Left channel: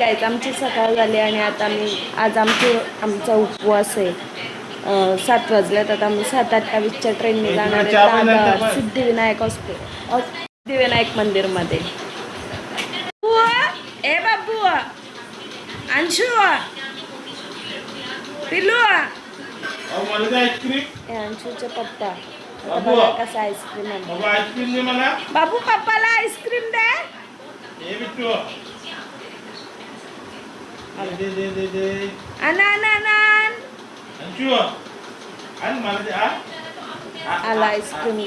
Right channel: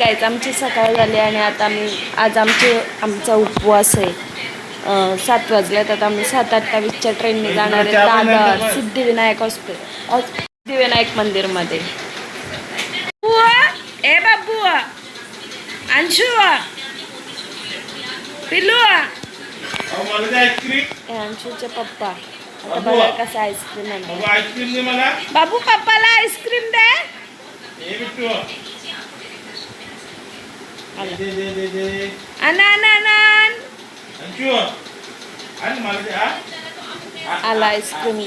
Guys आमची सकाळ झाली आणि आता आज आमचा उपवास आहे. 7 वाजल्यात. आता आम्ही 7:28च्या ट्रेनने जाणार आहे दादर सिद्धिविनायक मंदिरमध्ये. ए बाबू, अंशू, पिल्लू, अंशूचे पप्पा. आता बघा कसं आईस्क्रीम आहे. बाबू पप्पाला आईस्क्रीम दे. आला आईस्क्रीम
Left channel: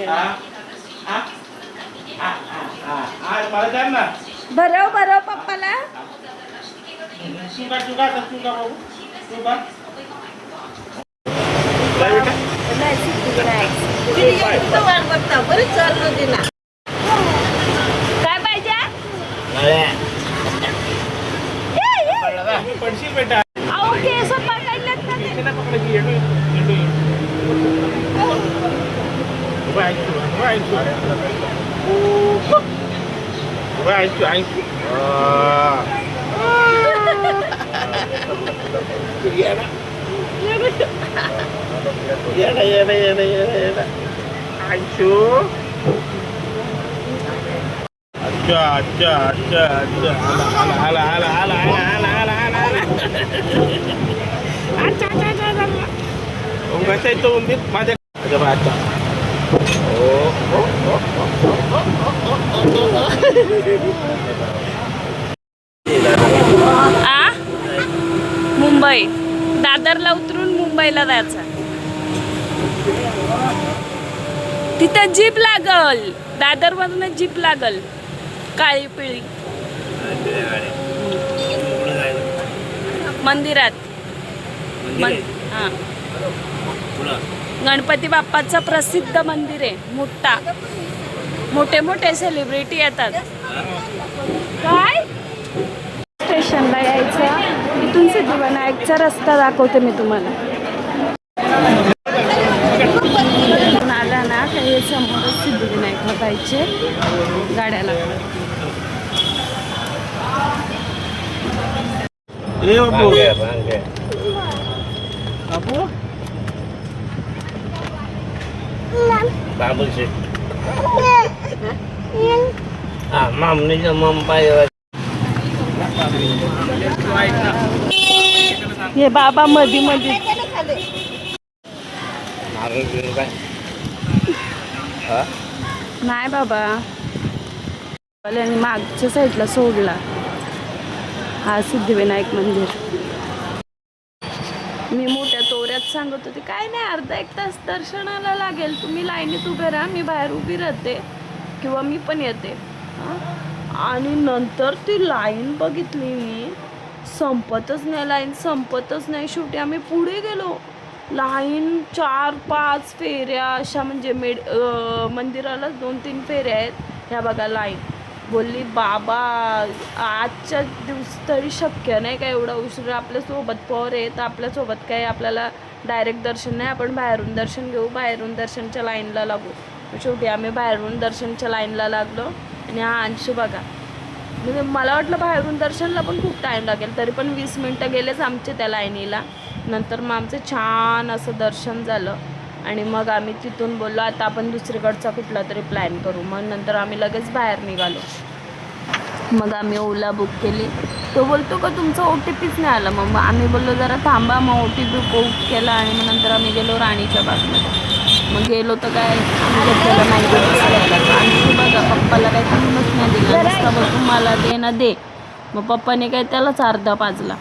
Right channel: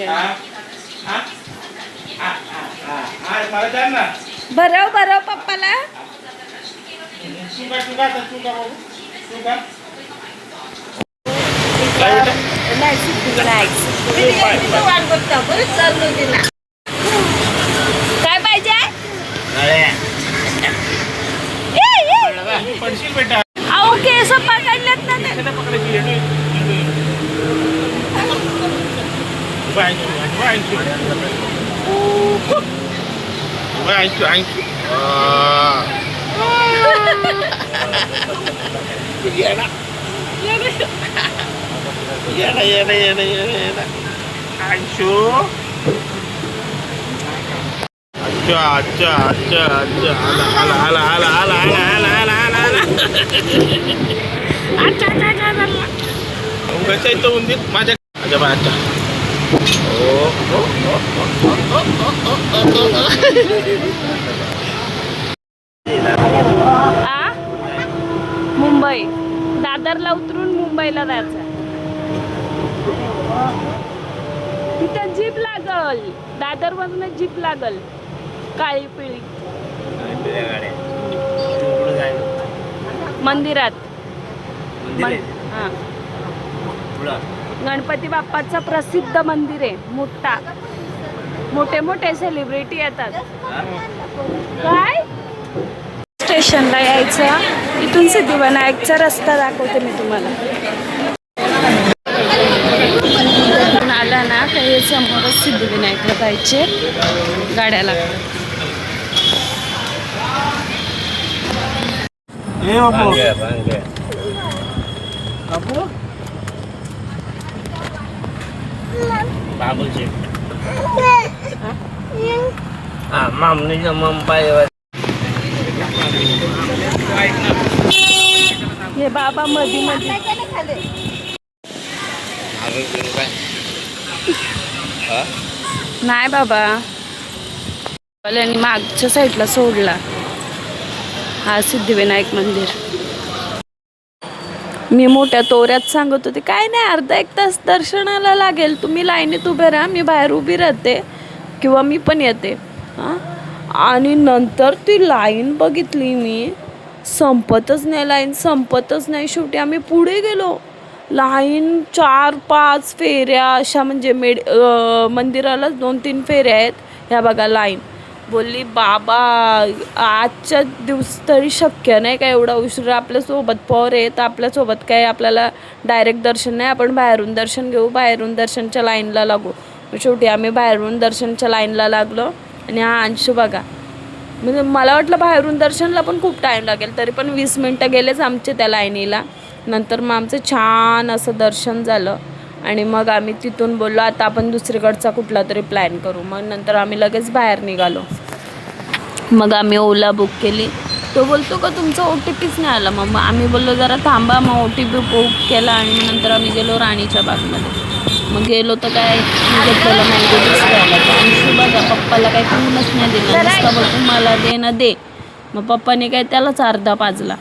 भरव भरव पप्पाला. नाही सिद्धिविनायक काय पाहिजे. अहो केस पकडल्यात ना. अच्छा आला कसं येतो म्हणजे माझ्या अच्छा मुंबई दादरला उतरून मुंबईला जायचं. तिथं जीप लागल. दादर मधून जीप लागल काळी पिळी. मंदिरात गणपती बाप्पाचं प्रसिद्ध मंदिर आहे. मोठे सेलिब्रिटी येतात. काय स्टेशनला यायचं. इथून सिद्धिविनायकचा रस्ता दाखवते मी तुम्हाला. इथून आला ना काही समोरच सिद्धिविनायकला जायचे गाड्या लागतात. हे बाबा मधी नाही बाबा मागच्या साईडला सोडला. हा सिद्धिविनायक मंदिर. मी मोठ्या तोऱ्यात सांगत होते काय नाही अर्धा 1 तास दर्शनाला लागेल. तुम्ही लाईनीत उभे राहा, मी बाहेर उभी राहते किंवा मी पण येते. आणि नंतर ती लाईन बघितली मी. संपतच नाही. शेवटी आम्ही पुढे गेलो. लाईन 4-5 फेऱ्या अशा म्हणजे मंदिरालाच 2-3 फेऱ्या आहेत. ह्या बघा लाईन. बोलली बाबा आजच्या दिवस तरी शक्य नाही काय एवढा उशीर. आपल्यासोबत पोर आहे तर आपल्यासोबत काय आपल्याला डायरेक्ट दर्शन नाही. आपण बाहेरून दर्शन घेऊ. बाहेरून दर्शनच्या लाईनला लागू. शेवटी आम्ही बाहेरून दर्शनच्या लाईनला लागलो. आणि हा अंशू बघा म्हणजे मला वाटलं बाहेरून दर्शनला पण खूप टाईम लागेल. तरी पण 20 मिनटं गेलेच आमचे त्या लाईनीला. नंतर मग आमचं छान असं दर्शन झालं. आणि मग आम्ही तिथून बोललो आता आपण दुसरीकडचा कुठला तरी प्लॅन करू. मग नंतर आम्ही लगेच बाहेर निघालो. मग आम्ही ओला बुक केली. तो बोलतो का तुमचा OTPच नाही आला. मग आम्ही बोललो जरा थांबा. मग OTP बुक केला आणि नंतर आम्ही गेलो राणीच्या बागेला. मग गेलो तर काय बघा पप्पाला काही कमीच नाही दिलं. नुसतं मला दे ना दे. मग पप्पाने काय त्यालाच अर्धा पाजला.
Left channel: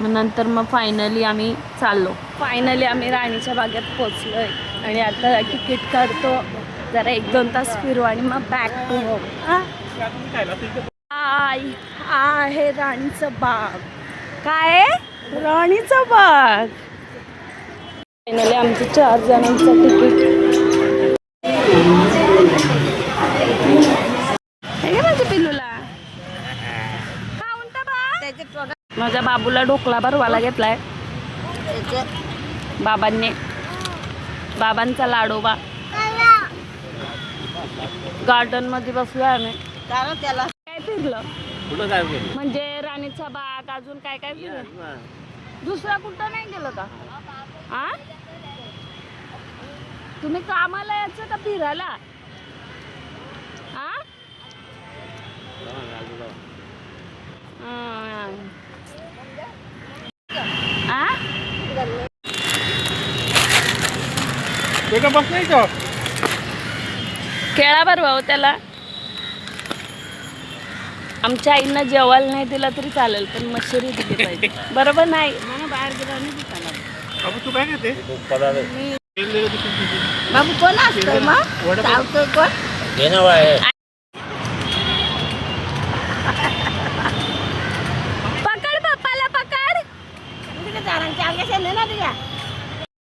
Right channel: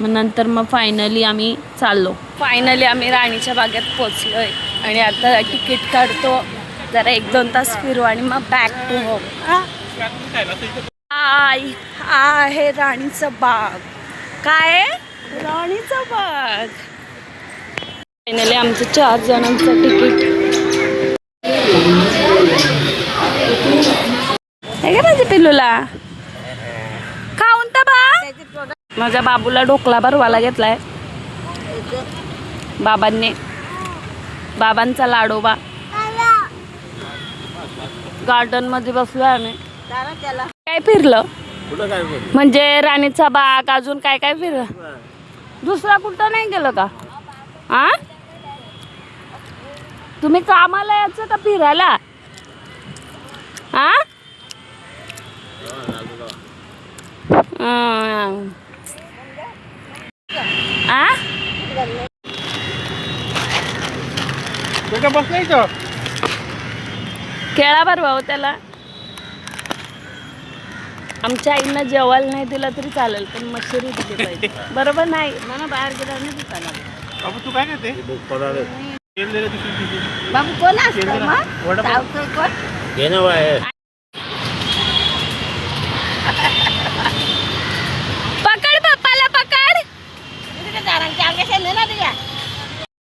मग नंतर मग फायनली आम्ही चाललो. फायनली आम्ही राणीच्या बागेत पोचलो आहे. आणि आता तिकीट काढतो. जरा 1-2 तास फिरू आणि मग बॅक टू होम. आहे राणीचा बाग. काय राणीचा बाग. फायनली आमचं 4 जणांचं तिकीट. पिल्लूला खाऊन तर बा. माझ्या बाबूला ढोकळा भरवायला घेतलाय बाबांनी. बाबांचा लाडोबा. गार्डन मध्ये बसलो आम्ही. काय फिरलं कुठं काय केलं? म्हणजे राणीचा बाग अजून काय काय फिर दुसरा कुठं नाही गेलं का? हा तुम्ही कामाला यायचं का फिरायला? हा आ? ते का बस नाही का? खेळा बरं भाऊ त्याला. आमच्या आईनं जेवायला नाही दिला तरी चालेल पण मच्छरी दिली पाहिजे. बरोबर नाही ना बाहेर गेला नाही दुकानात. बाबू तू काय करते? बाबू कोण असतं? पकड पप्पाला पकड.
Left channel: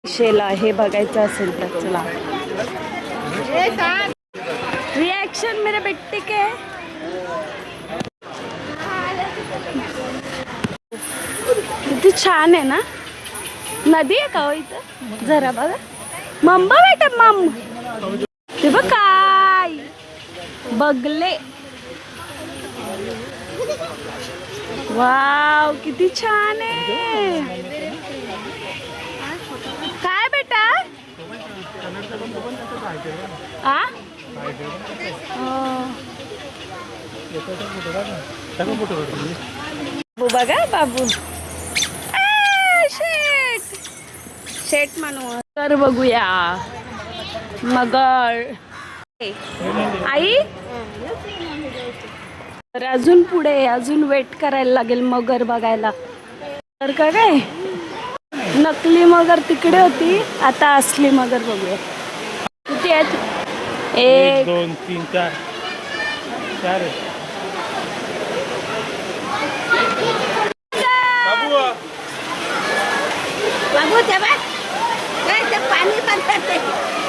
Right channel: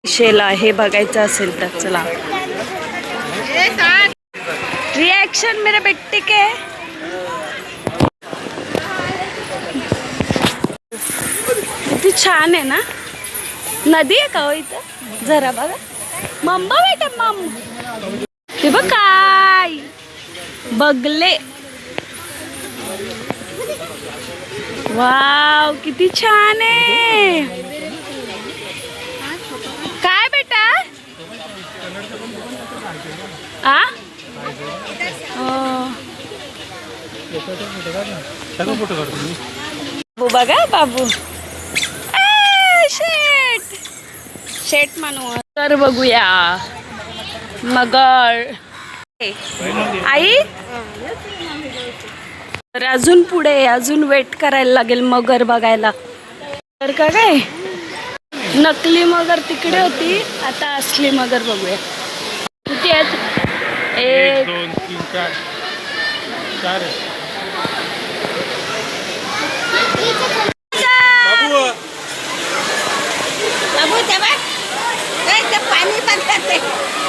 शेला हे बघायचं असेल तर चला. रिएक्शन मेरे बेटे के. किती छान आहे ना. नदी आहे का हो इथं? जरा बघा मम्मा बेटा मम. ते बघ काय बगले. वाव किती छान आहे. काय बेटा? आ बाबू बघा बाबू. शेट शेट म्हणू तर बघूया. मगर आई तर अजून पुढे अजून वेट करायला लागेल मगर बघायला. तर का काय नकली मगर तिकडे होती आता असली मगर बघूया. किती आहेत? 1 2 3 4 4 बाबू तेव्हा ते पाणी टाकतात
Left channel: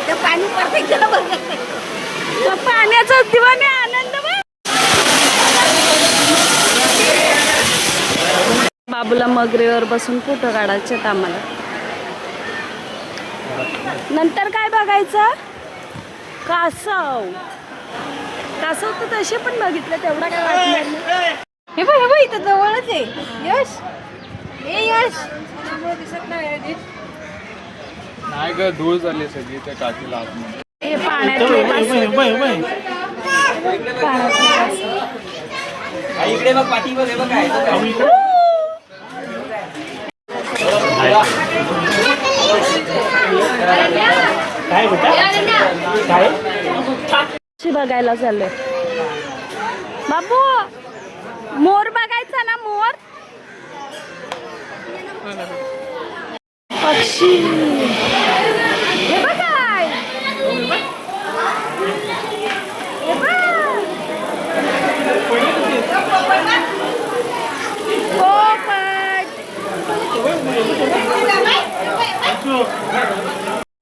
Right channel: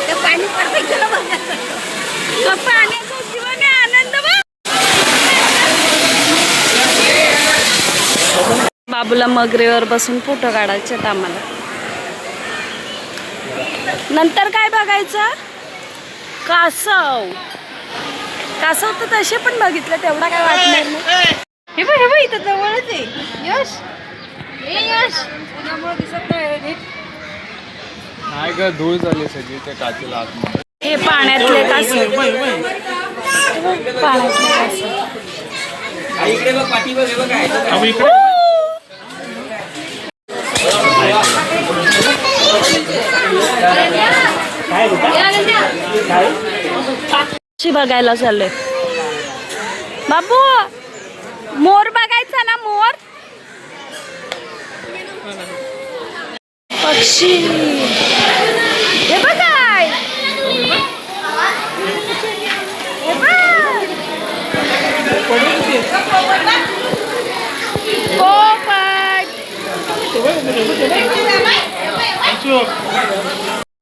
ते पाणी पडतं बघ. तो पाण्याचा दिवाने आनंद बघ. बाबूला मगरीवर बसून फोटो काढायचे आम्हाला. नंतर काय बघायचं? कासव. कासव तर तसे पण बघितले तेवढा काय वाटणार नाही. हे बघ इथं जवळच आहे. यश हे यश दिसत नाही. नाही ग धूळ झाली सगळी त्या काचेला आतमध्ये. हे पाण्यातले कासव. पाण्यातले कासव. बघायला चाललोय बाबू. मोर बघायचा ना मोर. पक्षी हे बघाय. हे बघ पोपट.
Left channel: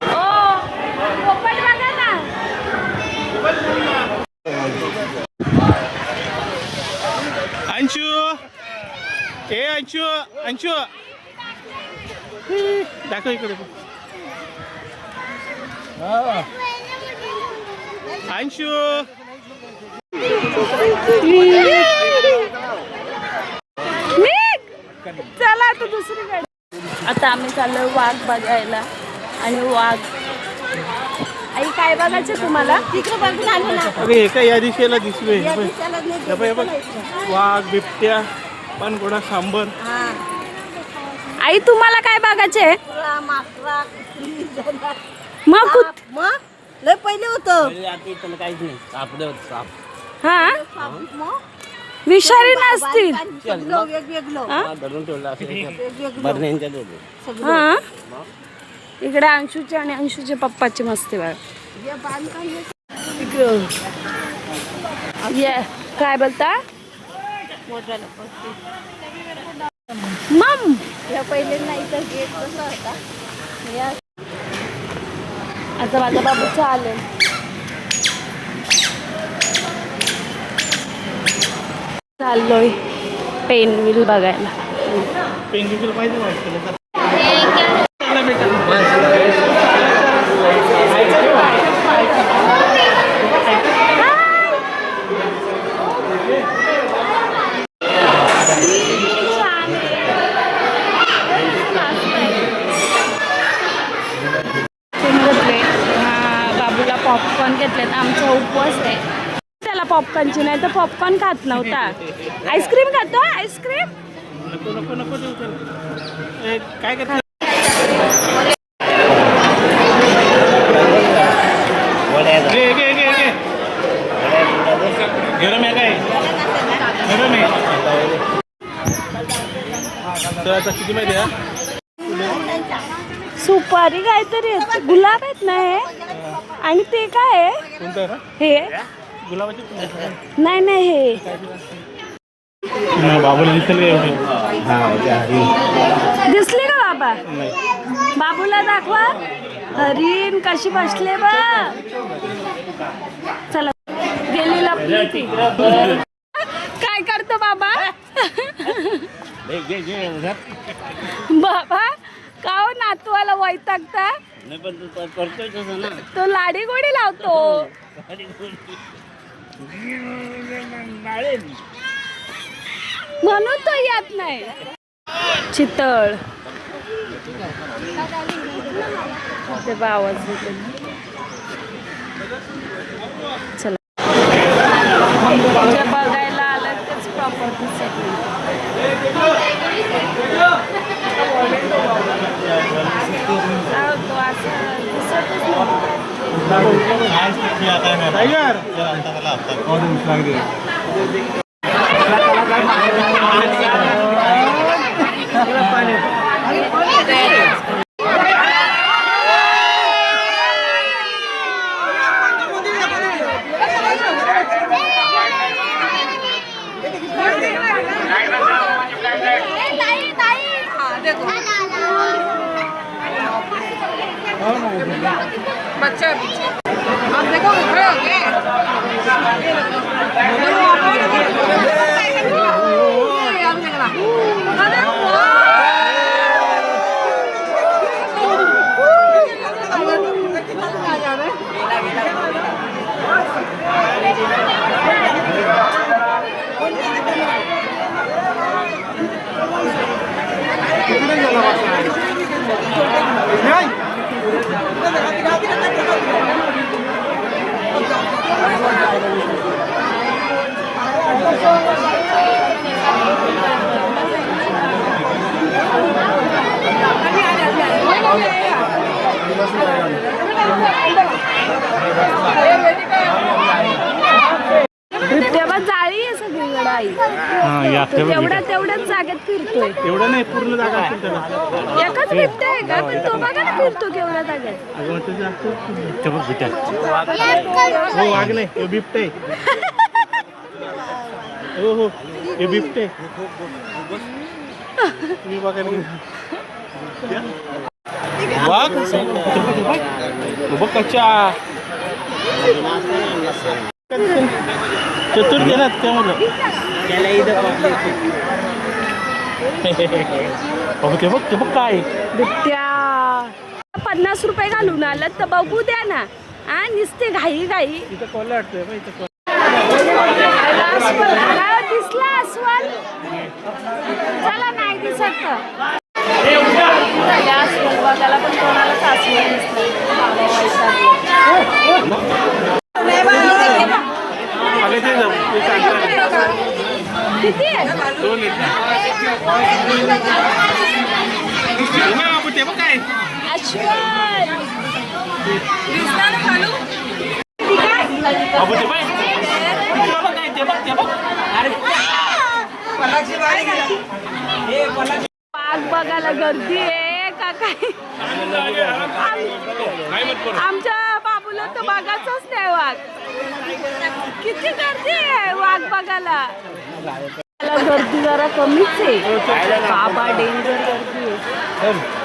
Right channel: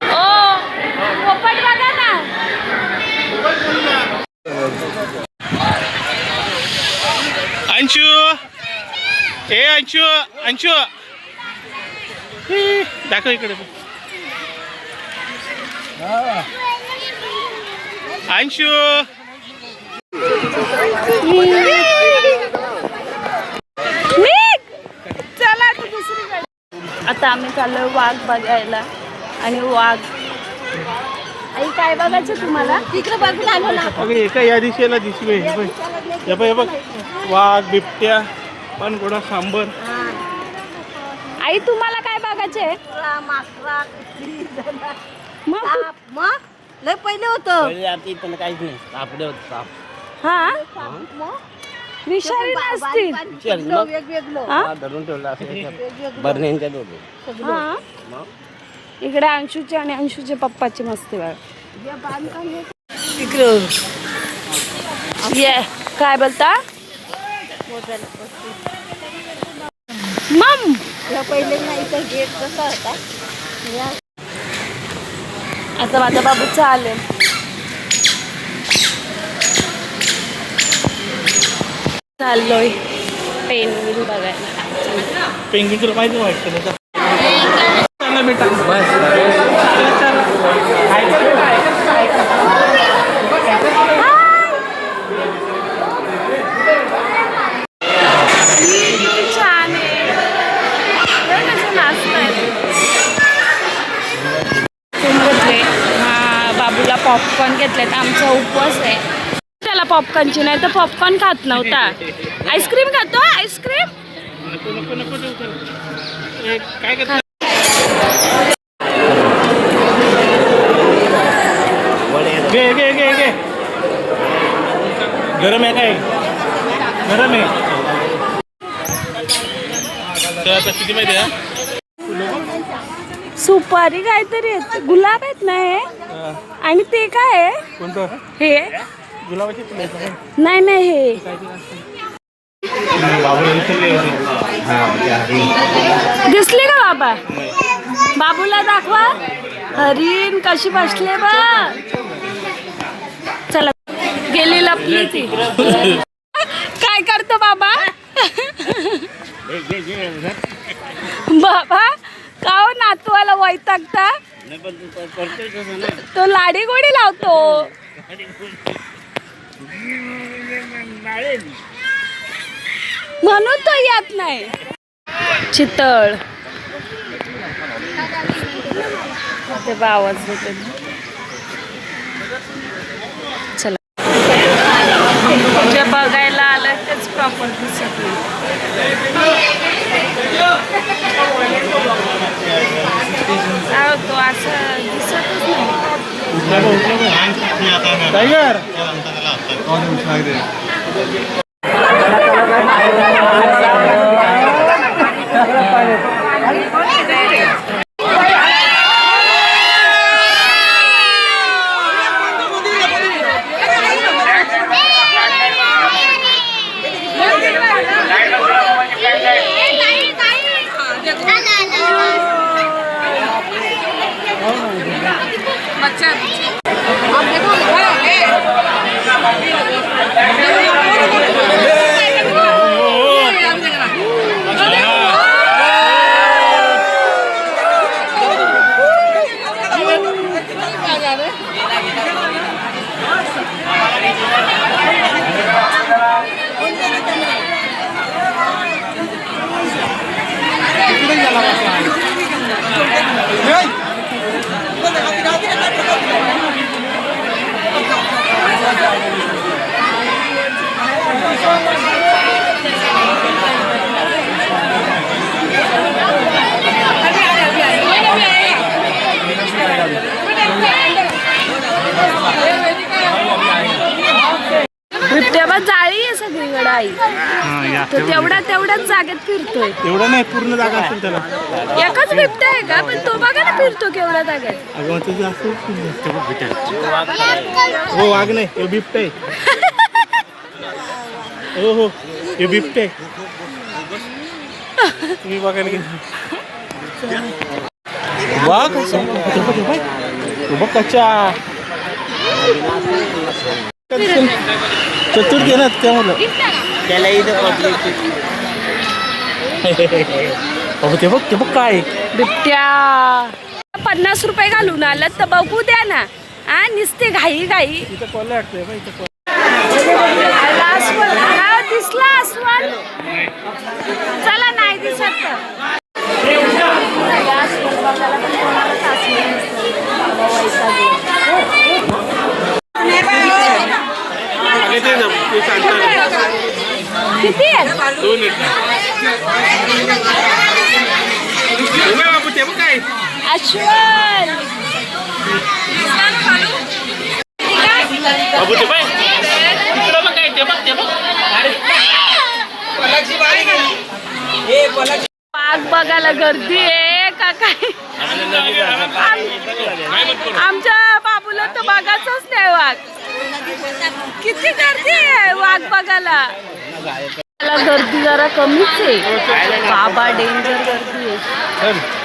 ओ पोपट बघा ना. अंशू ए अंशू अंशू दाखव इकडे. अंशू चला तू दुसरीकडे. आता आम्ही चाललोय वाघ बघायला. आणि वाघ आई काय बघायचं तुम्हाला? तिकडे बघून आलो ना. अगं एका या दिशेला दिसवे. हे बघ वाघ बिबट्या पानघोडा सांबर. आई तुम्हाला काय बघायचे? माकरा कुत्री मग मग लय पहिले होतं. काहीच नाही सापडे होत साप. हा विषारी नसतील. वेगवेगळं हा? धरून ठेवला असं बरण्यांच्या दोघे. हा इकडे अंशूचे आणि अंशूचे पप्पाची मस्ती बघा. ये काय बोलता मम? पहिले नाही तर गेट कसा होता. आता माझा बाबू चालेल. चाललोय पेनविल बघायला. पेंग्विन तुला माहिती वाटतं. पॉपकॉर्न घेतलेत. आमचा उपवास आहे. त्याला पॉपकॉर्नची नाही तर पॉपकॉर्न खात नव्हता. आईस्क्रीम खातो. आईस्क्रीम नको नको नको देऊ तर. काय करतो घे घे घे घे गरम आहे काय गरम आहे तर आता किती माहिती आहे सुपारी काहीतरी आहेत. गुलाब आहेत ना हे आणि ते काय आहे कोणतं हे गुलाबाची फुलं नाही नाही हे दिसले का बाबा बाबूला दाखवा हरीण कशी बसले बा चला गेली लपली ती काय करतो बाबा बाबा का हो नातवाला वैतागता तो लाडी गोडी लावतो म्हणून तो येत नाही चितळ ते आवाज देते चला जे बघायला आलं तेच प्रॉपर दिसत नाही काय होतो असं दिसतच नाही बिबट्या जाळी आहे सगळीकडे आई तो तेवढ्याच जागेत फिरतोय एवढं नाही पूर्ण जागा असेल त्याला एकच बिबट्या आहे का पण तो बघा ना फिरतो केवढ्या जागेत हो वाघ नाही हे बिबटे हो हो हे बिबटे तुम्ही बघायला गेले वाघ बघ कच्चा चतुर देणार त्यामुळं त्याला ते बघ काय बिबट्या 50 रुपये घालून आलं तर बघू द्या ना हा निसते घाई घाई इथं कोण वाटतंय बा इथं अस्वल हा दिसला अस्वल चला नाही दिसत अस्वल बघायला पण कोणालाच अस्वल किती आहे काय अस्वल बाबू ते बाय काय ते बघ वाघ बघायला गर्दी आहे का काय आमच्या बाबूला तर बघायचंच नाही वाघ किती गर्दी आहे वाघ बघायला गर्दी जरा कमीच आहे बाबा डेंजर गर्दी आहे